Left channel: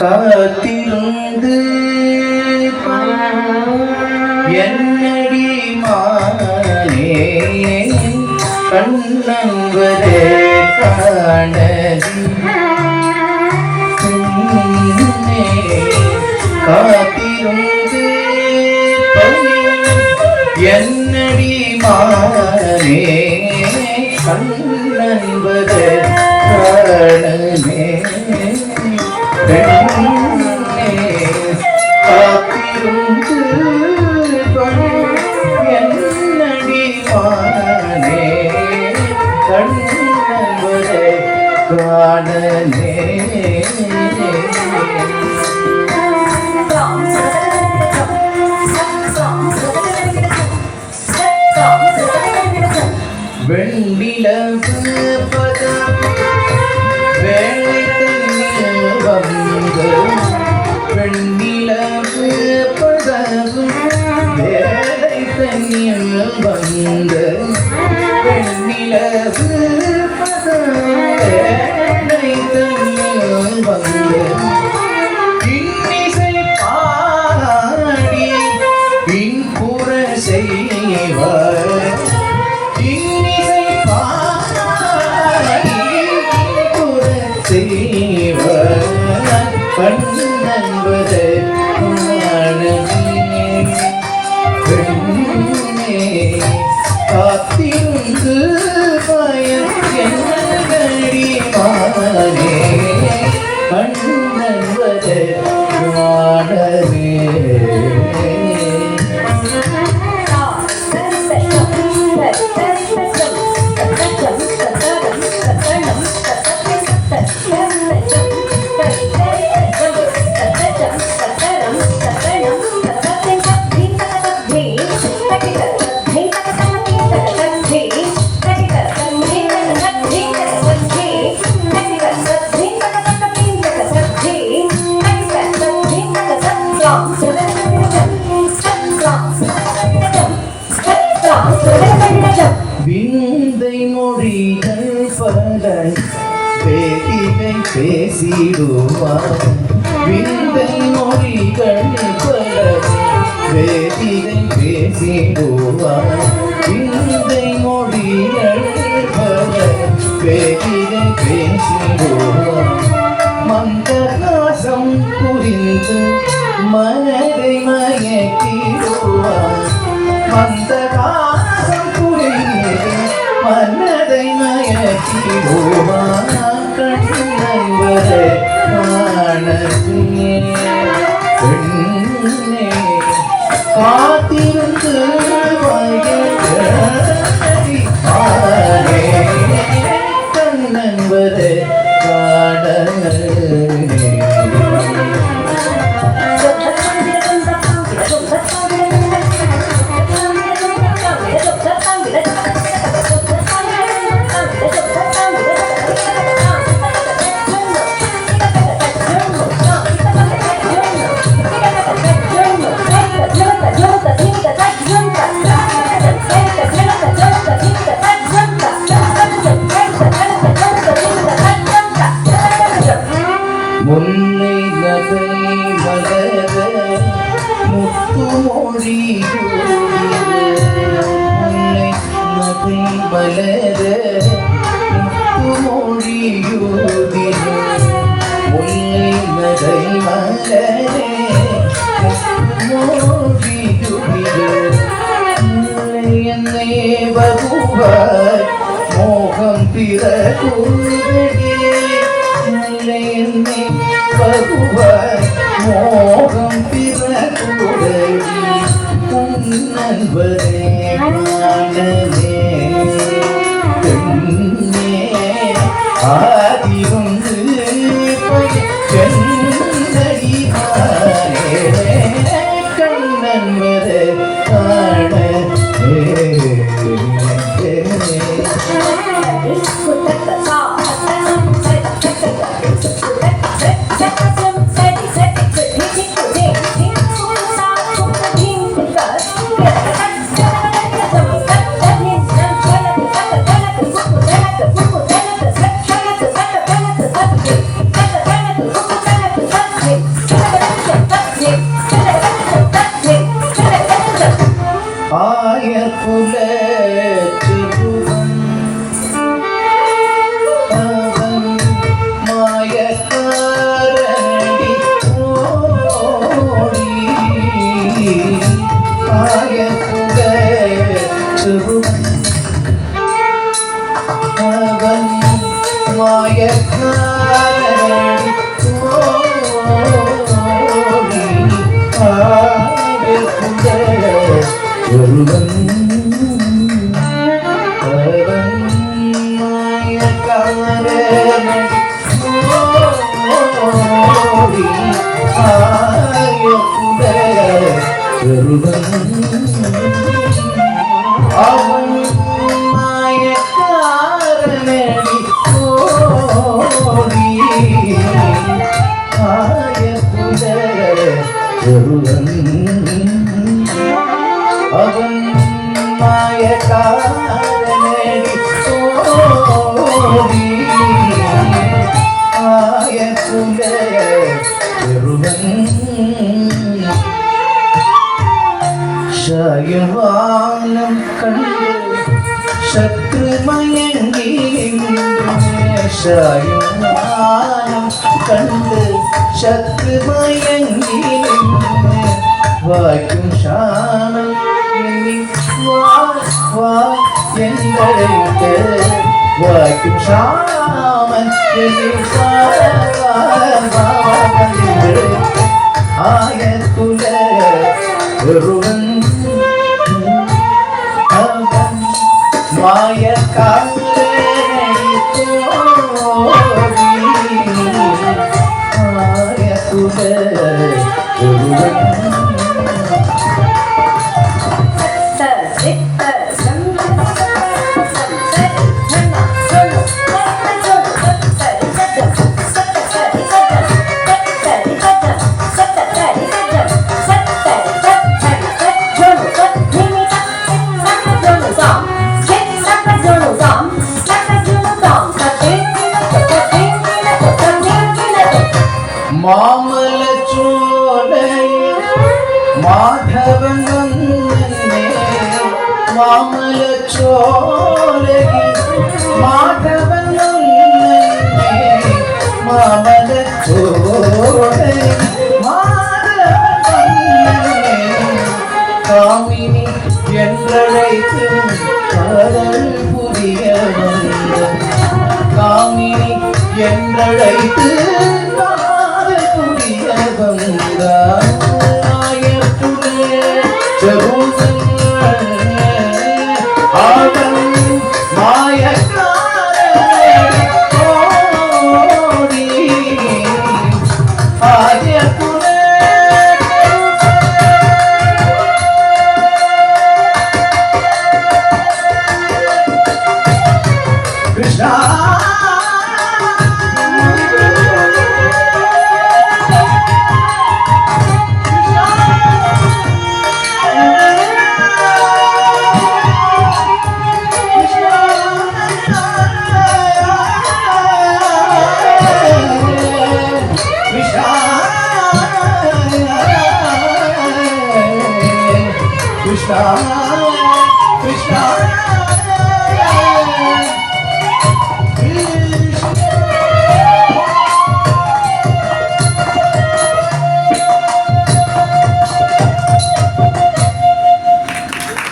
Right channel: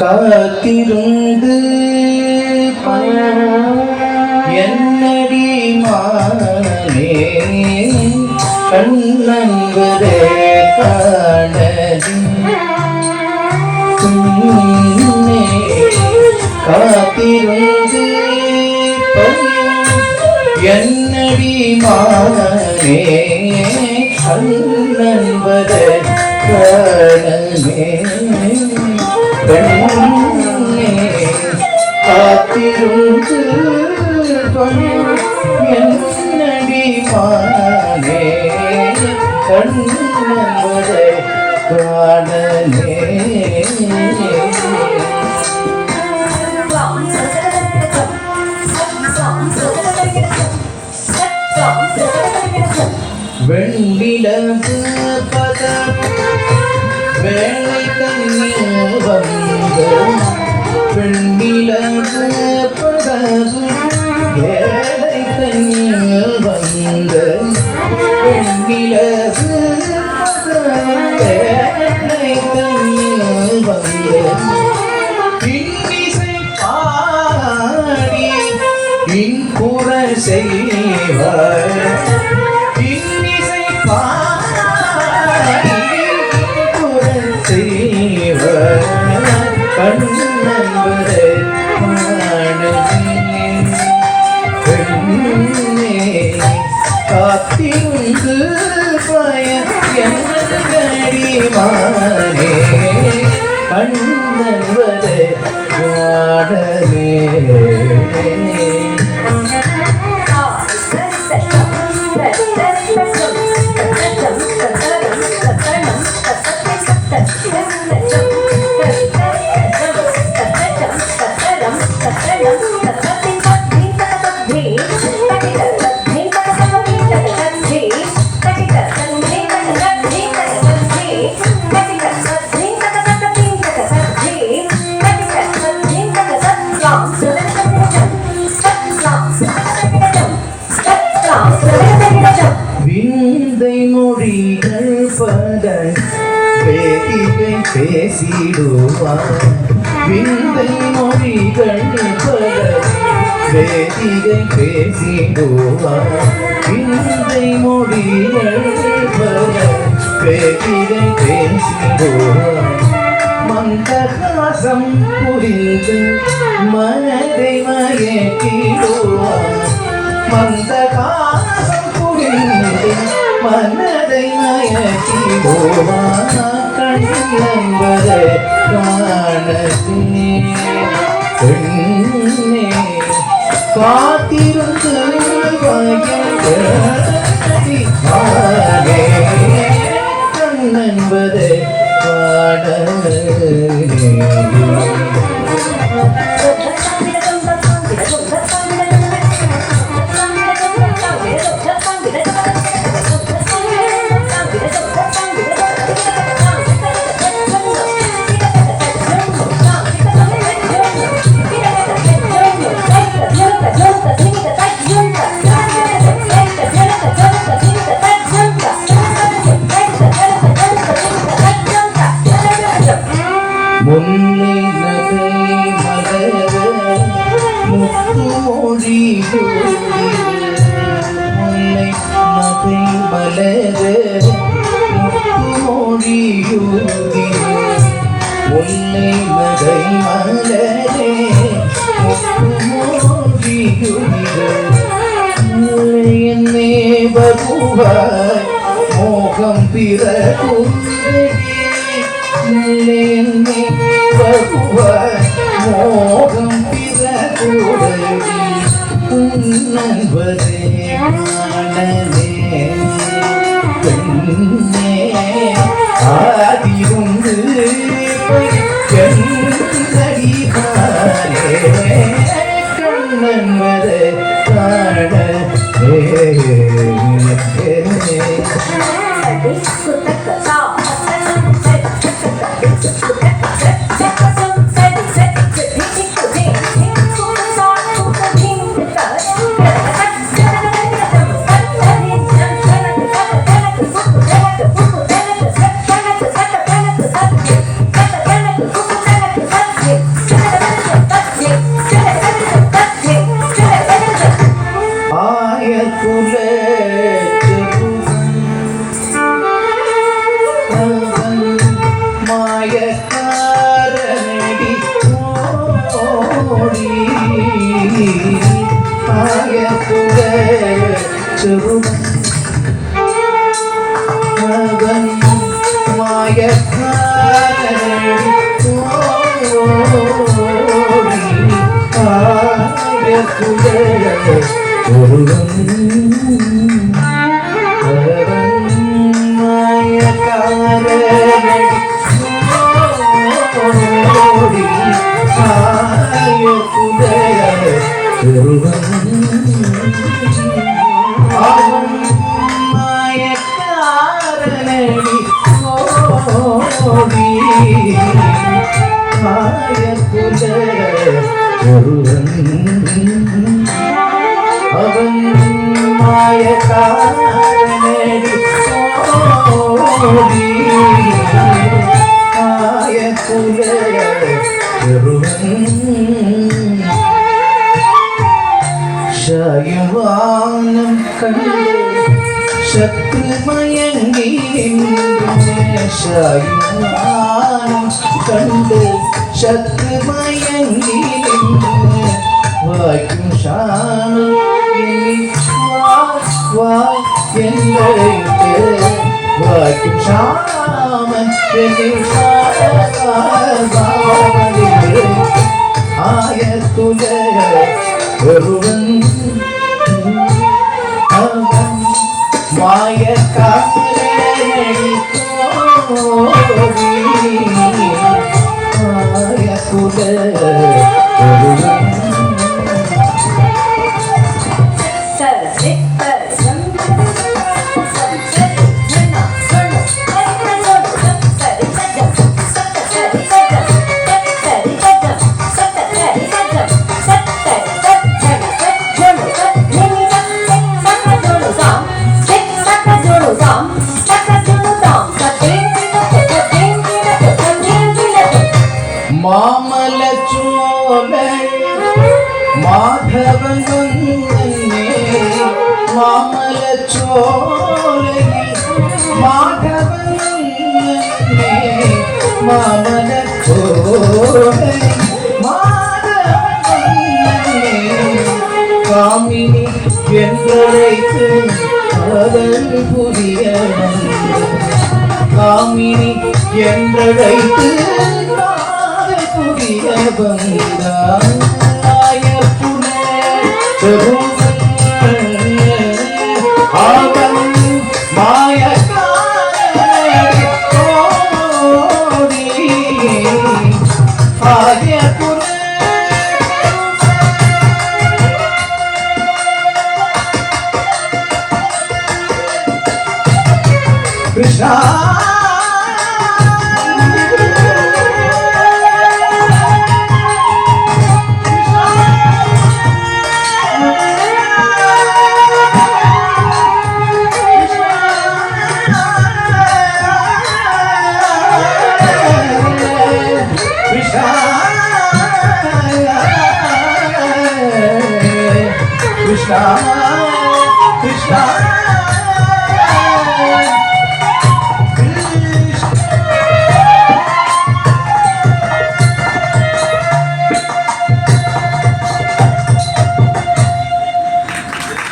காத்திருந்து என்னடி மானே கண்ணம்பரே காணதி காத்திருந்து என்னடி மானே கண்ணம்பரே காணமே காத்திருந்து என்னடி மானே கண்ணம்பரே காணமே வெண்ணிலவு பதம் வேளை தண்ணீர் வந்து வெண்ணிலவு பதம் வேளை தண்ணீர் வந்து வெண்ணிலவு வேளை தண்ணீர் வந்து இன்னிசை பாடி இன்புற செய்வார் கண்ணம்பரே பெண்ணே காத்திருந்து என்னடி மானே கண்ணம்பரே காணலே விந்தை மொழிகள் பட பேதிகை பேசிடுவார் விந்தை மொழிகள் பட பேதிகை பேசிடுவார் விந்தை மொழிகள் பட பேதிகை பேசிடுவார் மந்தகாசம் புரிந்து மனதை மயக்கிடுவார் மந்தகாசம் புரிந்து மனதை மயக்கிடுவார் கண்ணம்பரே காணலே பெண்ணே காத்திருந்து கண்ணம்பரே காணலே முல்லை நகை மலர முத்து மொழி முல்லை நகை மலர முத்து மொழி முல்லை நகை மலரே முத்து மொழி என்னே பகுவாய் மோகம் பிற குந்தடி என்னே பகுவாய் மோகம் பிற குந்தடி நண்பரே காணலே பெண்ணே ஆதிருந்து செந்தடி காணே கண்ணம்பரே காணலே மாய குல ஒருவன் அவன் மாயக்காரனடி ஓடி மாய குல ஒருவன் ஷாயுவானம் கண்டு சத்ரு மயங்கி ஷாயுவானம் கண்டு சத்ரு மயங்கி வாய்க்கும் ஷாமன் எங்களைத்து வாய்க்கும் ஷாமன் ஆயத்துல ஒருவன் மாய காலே கோரி ஆயத்துல ஒருவன் மாமல சோலை மாதவன் வந்தே மாமல சோலையில் மாதவன் வந்தே மாமல சோலை மாதவன் வந்தே காமினி என்றழைத்து காதல் புரிய வந்த காமினி என்றழைத்து வந்தாய புனே ஆவன் மாயக்காரனடி கோடி ஆய புனே கிருஷ்ணா Krishna, Krishna.